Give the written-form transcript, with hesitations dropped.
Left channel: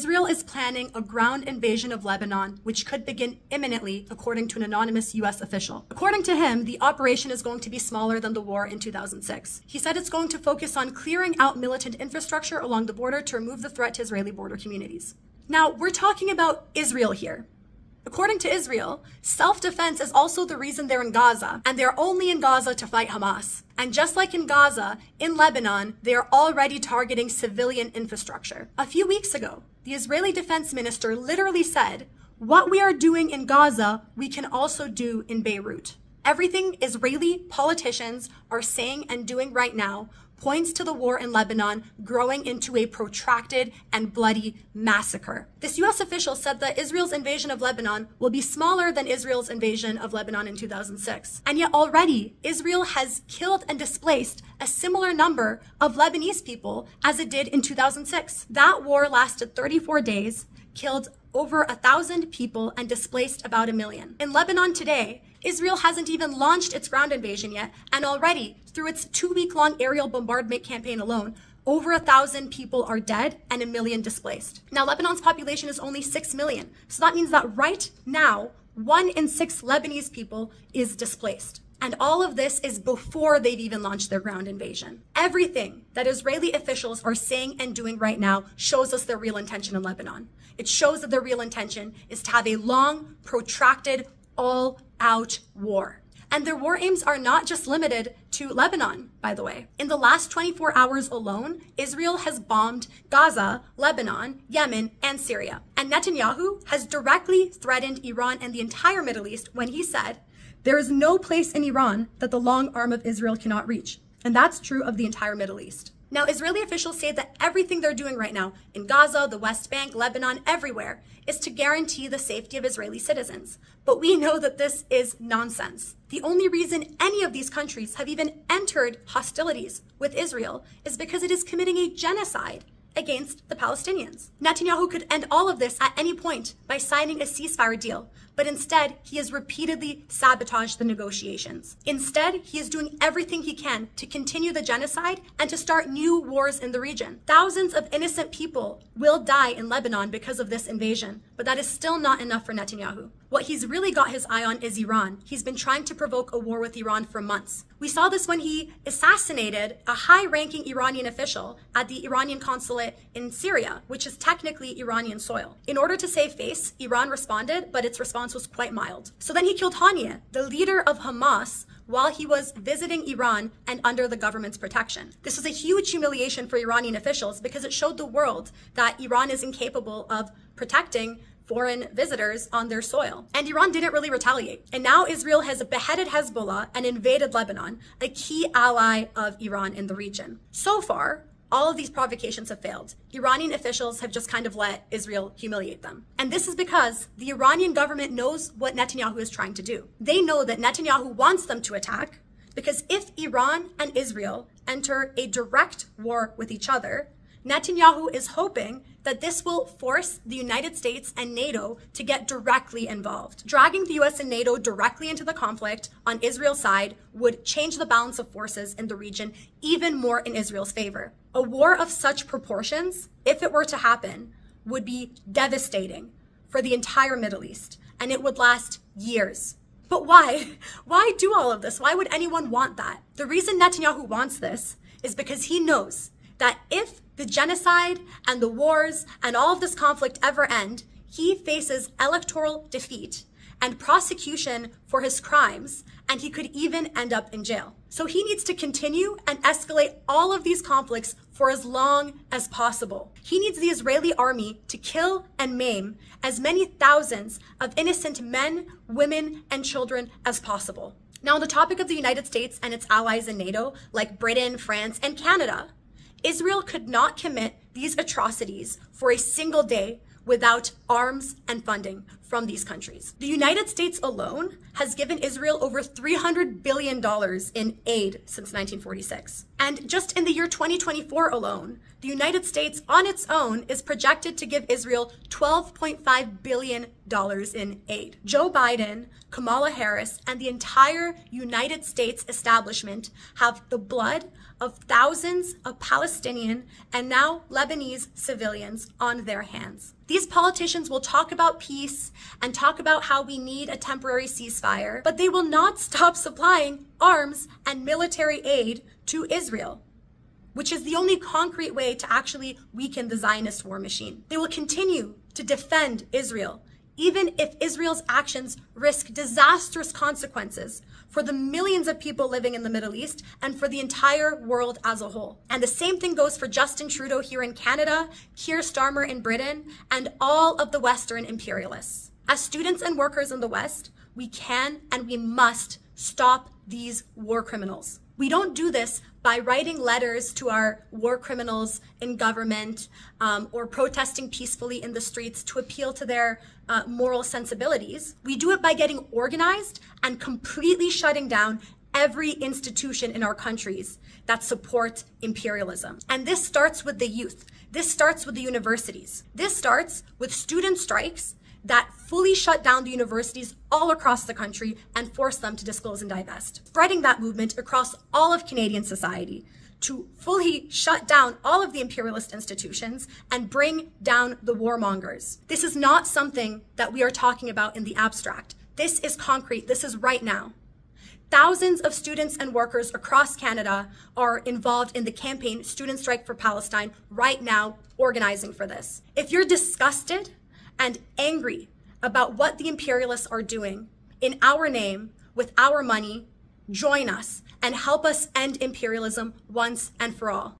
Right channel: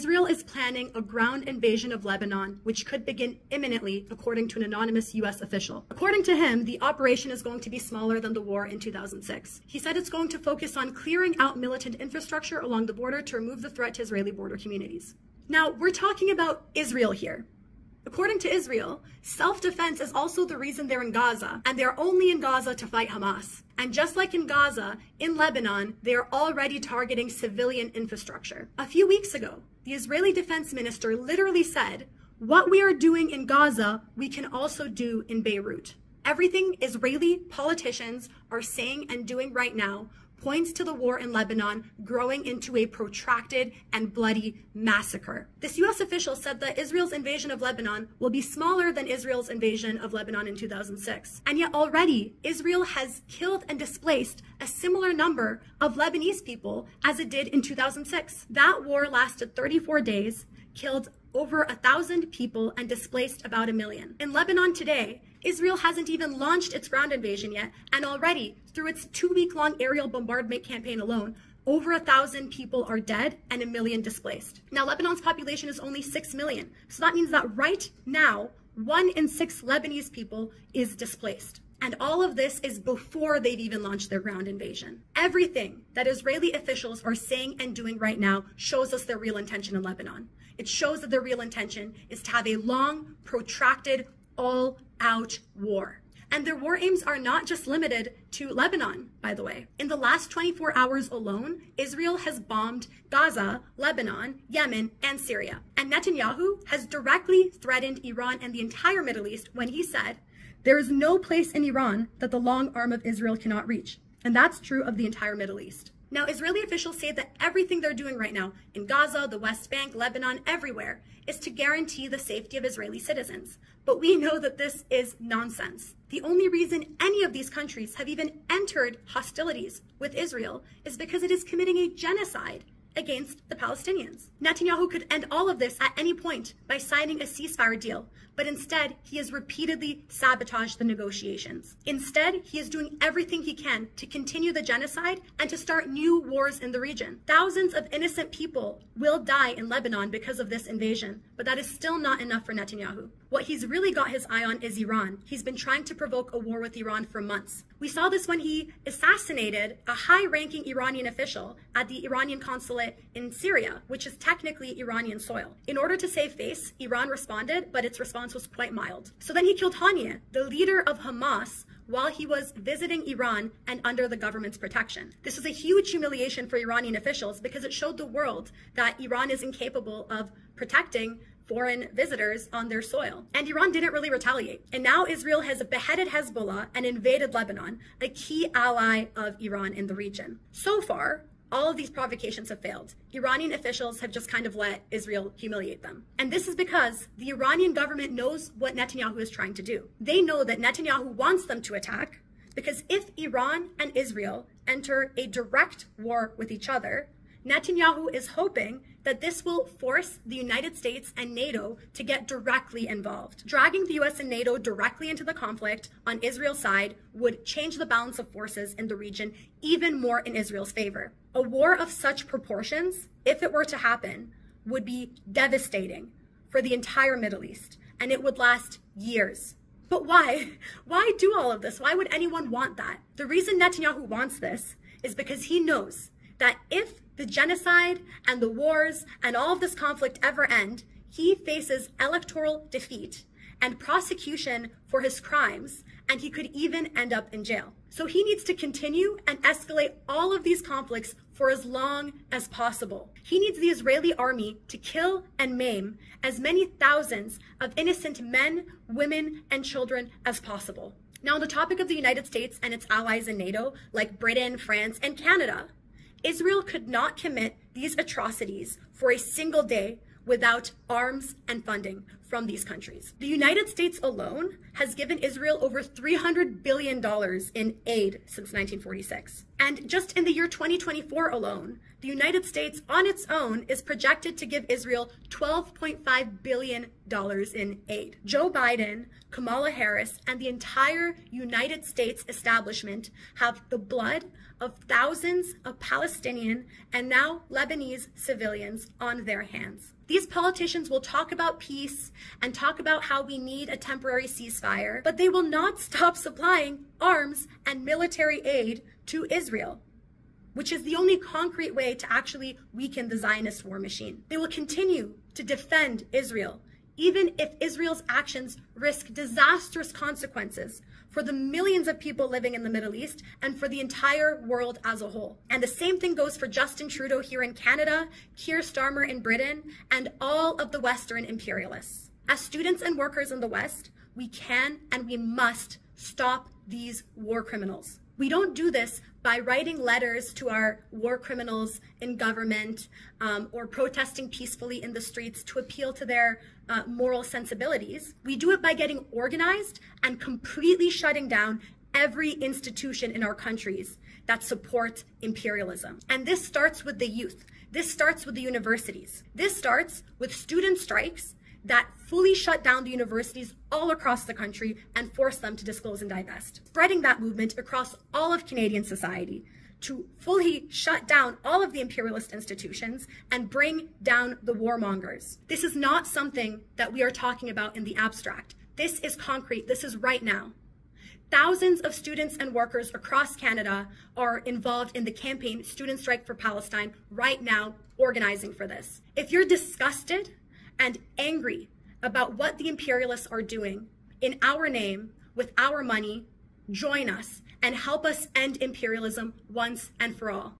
Israel is planning a ground invasion of Lebanon, which could begin imminently, according to an anonymous US official. According to him, the operation is going to be smaller than the war in 2006. He said it's going to focus on clearing out militant infrastructure along the border to remove the threat to Israeli border communities. Now, we're talking about Israel here. According to Israel, self-defense is also the reason they're in Gaza, and they're only in Gaza to fight Hamas. And just like in Gaza, in Lebanon, they are already targeting civilian infrastructure. A few weeks ago, the Israeli defense minister literally said, "What we are doing in Gaza, we can also do in Beirut." Everything Israeli politicians are saying and doing right now points to the war in Lebanon growing into a protracted and bloody massacre. This US official said that Israel's invasion of Lebanon will be smaller than Israel's invasion of Lebanon in 2006. And yet already, Israel has killed and displaced a similar number of Lebanese people as it did in 2006. That war lasted 34 days, killed over 1,000 people, and displaced about 1 million. In Lebanon today, Israel hasn't even launched its ground invasion yet, and already, through its 2-week-long aerial bombardment campaign alone, over 1,000 people are dead and 1 million displaced. Now, Lebanon's population is only 6 million, so that means that right now, 1 in 6 Lebanese people is displaced. And all of this is before they've even launched their ground invasion. Everything that Israeli officials are saying and doing right now shows us their real intention in Lebanon. It shows that their real intention is to have a long, protracted, all-out war. And their war aims are not just limited to Lebanon, by the way. In the last 24 hours alone, Israel has bombed Gaza, Lebanon, Yemen, and Syria. And Netanyahu has directly threatened Iran and the entire Middle East when he said, "There is no place in Iran that the long arm of Israel cannot reach." And that's true of the entire Middle East. Now, Israeli officials say that everything they're doing right now in Gaza, the West Bank, Lebanon, everywhere, is to guarantee the safety of Israeli citizens. But we know that this is nonsense. The only reason any of these countries have even entered hostilities with Israel is because it is committing a genocide against the Palestinians. Netanyahu could end all of this at any point by signing a ceasefire deal, but instead he has repeatedly sabotaged the negotiations. Instead, he is doing everything he can to continue the genocide and to start new wars in the region. Thousands of innocent people will die in Lebanon because of this invasion, but that is still not enough for Netanyahu. What he's really got his eye on is Iran. He's been trying to provoke a war with Iran for months. We saw this when he assassinated a high-ranking Iranian official at the Iranian consulate in Syria, which is technically Iranian soil. In order to save face, Iran responded, but its response was quite mild. So then he killed Haniyeh, the leader of Hamas, while he was visiting Iran and under the government's protection. This was a huge humiliation for Iranian officials because it showed the world that Iran is incapable of protecting foreign visitors on their soil. And Iran didn't really retaliate. And now Israel has beheaded Hezbollah and invaded Lebanon, a key ally of Iran in the region. So far, all of these provocations have failed. Iranian officials have just kind of let Israel humiliate them. And this is because the Iranian government knows what Netanyahu is trying to do. They know that Netanyahu wants them to attack because if Iran and Israel enter a direct war with each other, Netanyahu is hoping that this will force the United States and NATO to get directly involved. Dragging the US and NATO directly into the conflict on Israel's side would change the balance of forces in the region even more in Israel's favor. A war of such proportions, if it were to happen, would be devastating for the entire Middle East, and it would last years. But why? Why do all of this? Why would anyone want that? The reason Netanyahu wants this is because he knows that if the genocide and the wars and all of this conflict ever end, he faces electoral defeat and prosecution for his crimes, and he could even end up in jail. So he needs to continue and escalate all of these conflicts for as long as possible. He needs the Israeli army to kill and maim as many thousands of innocent men, women, and children as possible. Now, on the topic of the United States and its allies in NATO, like Britain, France, and Canada, Israel could not commit these atrocities for a single day without arms and funding from these countries. The United States alone has given Israel over $300 billion in aid since 1946. And just in the year 2024 alone, the United States on its own is projected to give Israel $12.5 billion in aid. Joe Biden, Kamala Harris, and the entire United States establishment have the blood of thousands of Palestinian and now Lebanese civilians on their hands. These politicians will talk about peace and talk about how we need a temporary ceasefire, but they will not stop supplying arms and military aid to Israel, which is the only concrete way to actually weaken the Zionist war machine. They will continue to defend Israel, even if Israel's actions risk disastrous consequences for the millions of people living in the Middle East and for the entire world as a whole. And the same thing goes for Justin Trudeau here in Canada, Keir Starmer in Britain, and all of the Western imperialists. As students and workers in the West, we can and we must stop these war criminals. We don't do this by writing letters to our war criminals in government or protesting peacefully in the streets to appeal to their moral sensibilities. We do it by getting organized and completely shutting down every institution in our countries that support imperialism. And this starts with the youth. This starts with the universities. This starts with student strikes that fully shut down the universities all across the country and force them to disclose and divest. Spreading that movement across all of Canadian society to fully shut down all of the imperialist institutions and bring down the warmongers. This is not something that we are talking about in the abstract. This is concrete. This is right now. Thousands of students and workers across Canada are involved in the campaign Student Strike for Palestine right now, organizing for this. If you're disgusted and angry about what the imperialists are doing in our name, with our money, join us and help us end imperialism once and for all.